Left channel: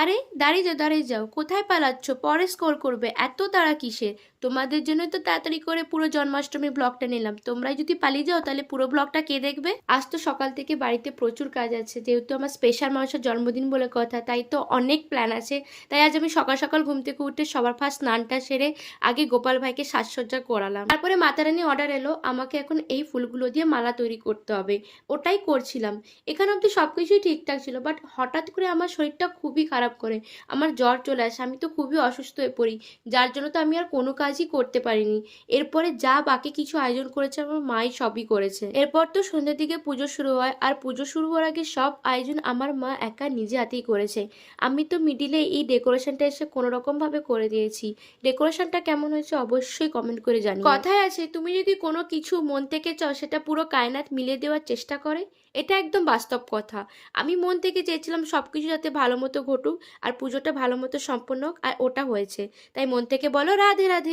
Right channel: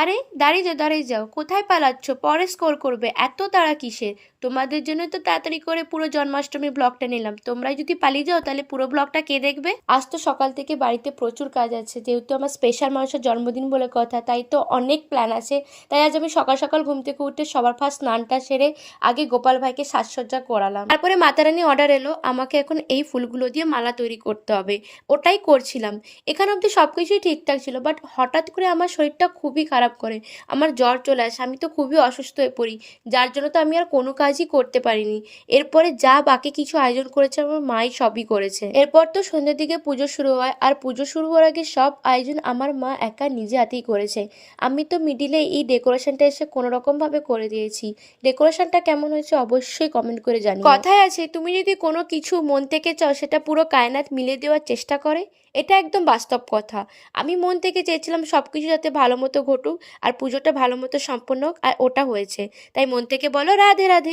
আরে দাঁড়িয়ে যাও, কোথায় পালাচ্ছ? পরে স্কোর করবে, এত তাড়া কিসের? তোমাদের জন্য তো তাড়াতাড়ি করে পুরো জন্মাষ্টমী ব্লগটা নিলাম, তোমরাই যদি পালিয়ে যাও তাহলে পুরো ব্লগটা কে দেখবে? আজ তো সকাল থেকে বাড়িতে প্রচুর কাজ আছে, যেহেতু আমার স্পেশাল মানুষের জন্মদিন বলে কথা, তাই তো অনেক প্ল্যান আছে। তাই আজ আমি সকাল সকাল ঘুম থেকে উঠে সবার ফার্স্ট স্নানটা সেরে আগে গোপাল ভাইকে সাজসজ্জা করালাম। তারপরে মাতারানি অর্ডার এলো, আমাকে এখন এই ফুলগুলো দিয়ে মালা তৈরি করতে হবে, ওটাই করছিলাম। এখানে অবধি সব কিছুই ঠিকঠাক ছিল, বাট হঠাৎ করে আমার শরীরটা খুবই খারাপ করে, আমার জ্বর চলে আসে, আমি তো খুবই অসুস্থ হয়ে পড়ি, যার জন্য তো আমি আর কোনো কাজই করতে পারিনি। এরপরে যা বাকি কিছু আয়োজন করেছে আমার মাই সবই করেছে। এরপর তো সন্ধ্যের দিকে পুজো শুরু হয়, আর পুজো শুরু হওয়ার আগে সব আয়োজন আমার মা একা নিজে হাতেই করেছে। আমি তো মিডিলে এই ডেকোরেশনটা এসে কোনো রকম ভাবে করে দিয়েছি। ডেকোরেশনটা কেমন হয়েছে অবশ্যই কমেন্ট করে জানিও। কথায় আছে, তুমি যদি কোনো কিছু মন থেকে চাও সেটা পুরো কায়নাত মিলিয়ে দেওয়ার চেষ্টা করে, এটা একদম বাস্তব কথা। আমি মন থেকে চেয়েছিলাম সব কিছু যাতে ভালো মতো ঘটুক, আর পুজোটা ভালো মতো সম্পন্ন হোক, আর ওটা হয়েছে। তাই মন থেকে বলো রাধে রাধে।